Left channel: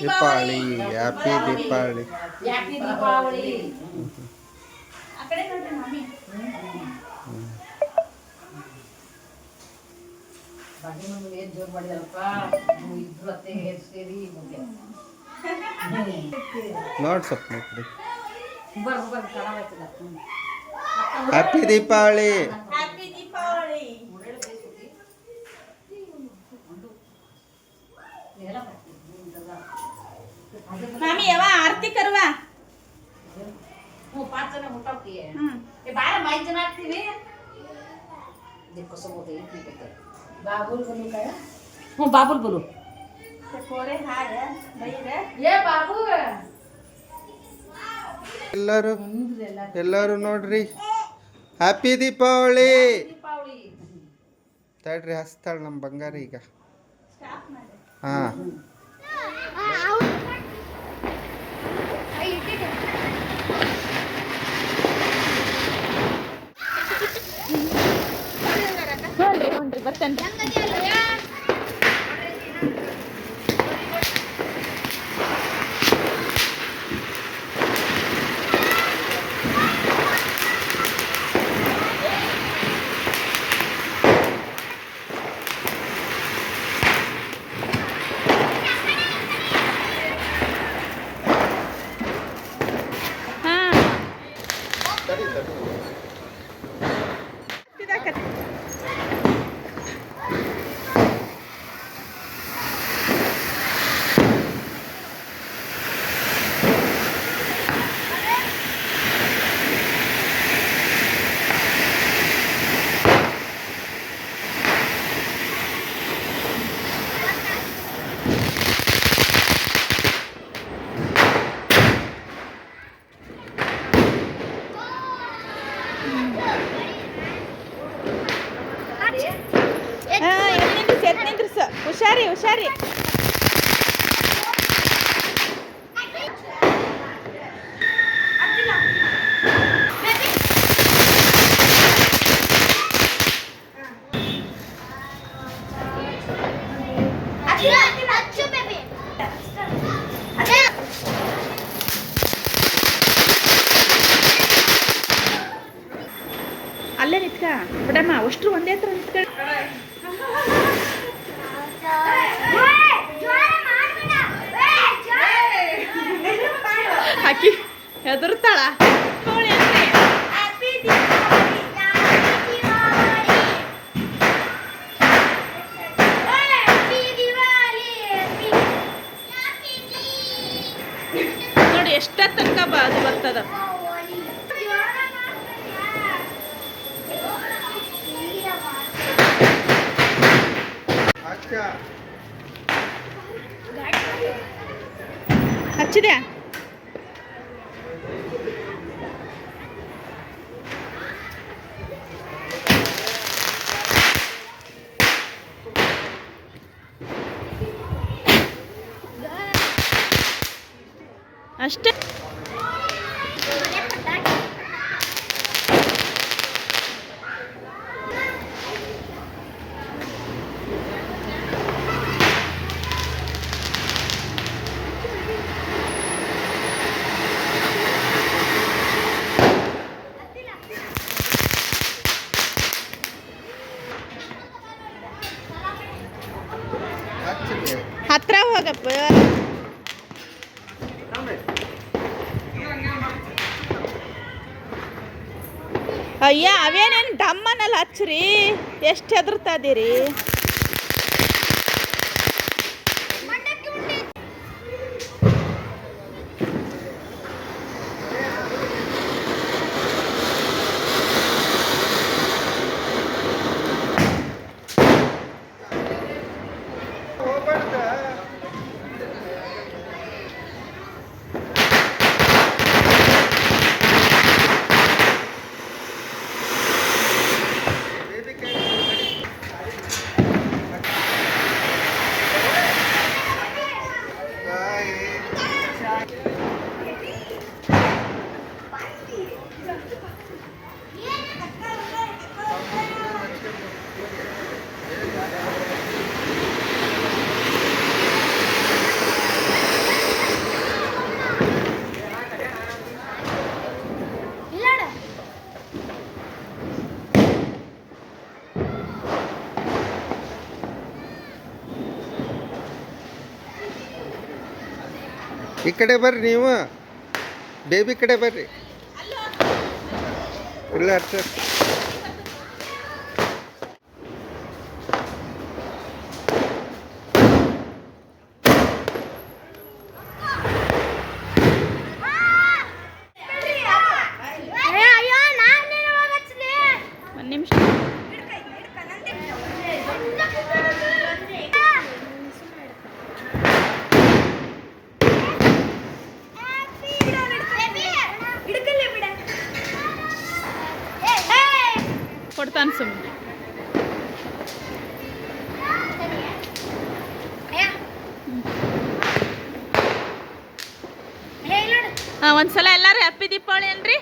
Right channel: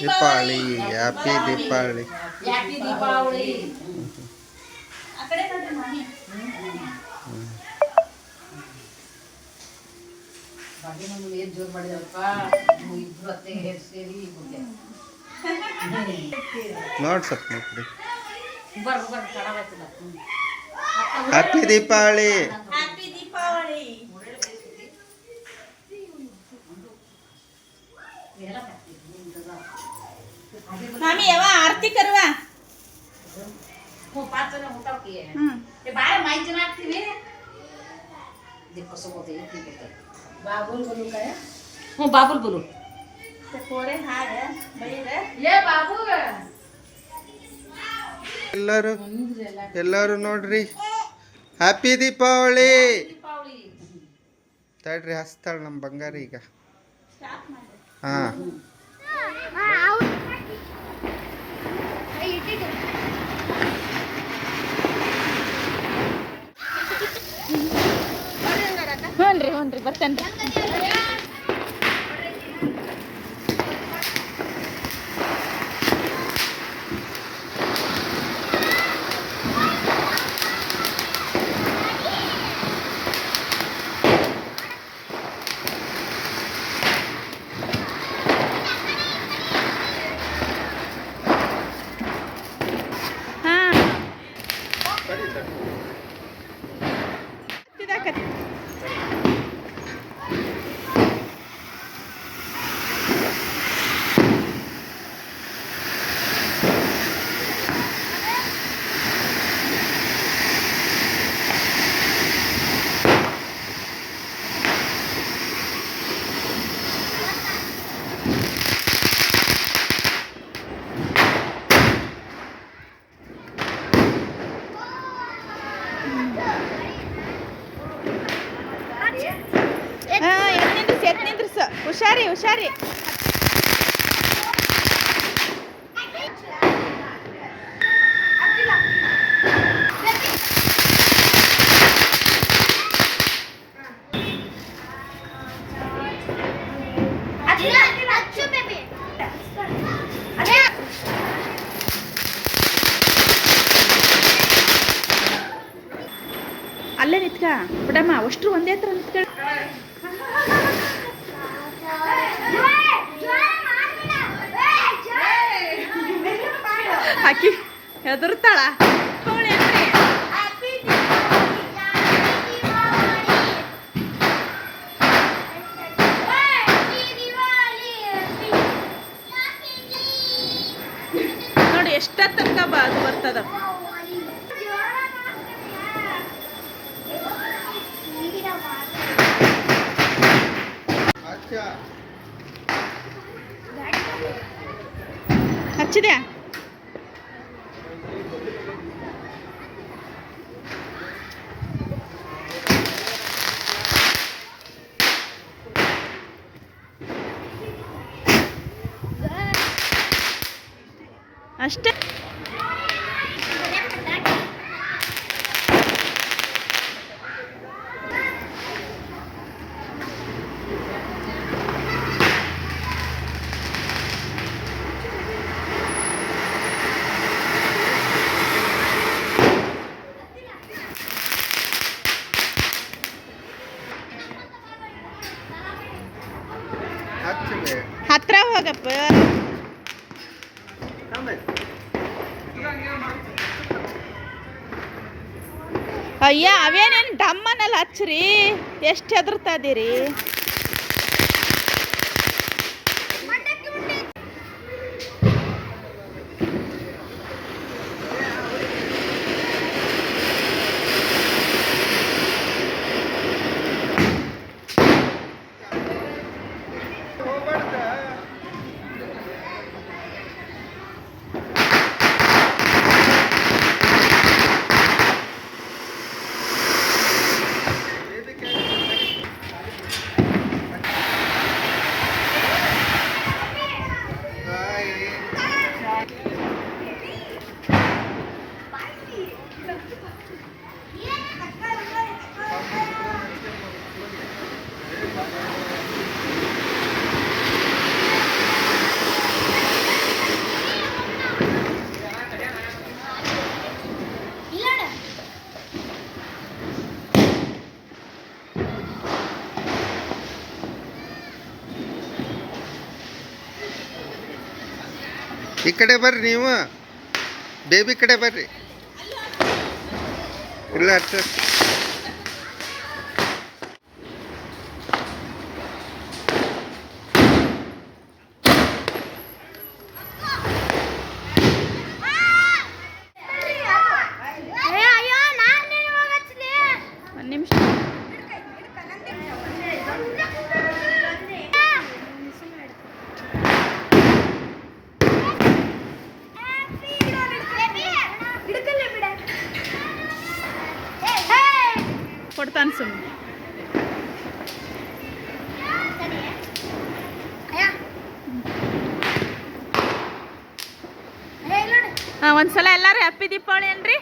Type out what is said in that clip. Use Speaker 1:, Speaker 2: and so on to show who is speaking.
Speaker 1: Deepavali. Happy Deepavali.
Speaker 2: Happy Deepavali. ಆ ಕಡೆ ನೋಡ್ರಿ ಮಾಮಿ. ಬಾಗಿ ದಿಕ್ಕೋಸಬೋದು ಐತಿ ಬಾಬುಲ್ ಗುಲು ಕಾಯ ಹ್ಞೂ ಬಾಬುಲ್ ಗುಲು
Speaker 3: ಕೋರೆ ಹಾಡ ಬೈರ
Speaker 2: ಏ ಬಾಬು
Speaker 1: ಎಲ್ಲರೂ ಎಲ್ಲರೂ ನೋಡ್ರಿ ಹ್ಯಾಪಿ ದೀಪಾವಳಿ
Speaker 2: ದೀಪಾವಳಿ
Speaker 1: ತಡ್ರಿ ಹಸ್ತಾಳ ನಮ್ಮ ಬಂಗಾರ ಈಗ
Speaker 3: ಸ್ಟಾಪ್ ಮಾಡಿ
Speaker 1: ರೀ
Speaker 3: ಹ್ಞೂನ್ರಿ ರೀ ಬರ್ತೇನೆ ಹಾಂ ಎಲ್ಲಿ ನಿಂದ್ರಿಸಿ. ಹುಷಾರಿ ಹುಷಾರಿ. ಅಲ್ಲೇ ನಿತ್ಕ. ಬಿಡಮ್ಮ ಅಷ್ಟು ಒಂದೇ ಹತ್ರ ನಿತ್ಕ. ಅದು ಬರ್ತದ. ಹಚ್ಚಿದೆ ಅಷ್ಟೇ
Speaker 1: ಹಚ್ಚಿದೆ
Speaker 3: ಹತ್ರ ಅಯ್ಯ ಅವೇನೇನು ಡಮ್ಮನಲ್ಲಿ ಹಚ್ಚ್ರಿ? ಎಷ್ಟು ಹೆದರ್ತಾ ಇದೀರಿ?
Speaker 4: ಈ ಕಡೆ ಬರ್ರಿ ನೀವು. ಬೇಬಿ ಕಡೆ ಬರ್ರಿ. ಇಲ್ಲ ಅಟ್ಟ
Speaker 3: ಕೊಡ್ತಾನೆ ಸುಮ್ಮನೆ ಹಾಂ ಒಂದ್ಸಲ ಎಲ್ಲರೂ ಹ್ಯಾಪಿ ದೀಪಾವಳಿ ಅನ್ರಿ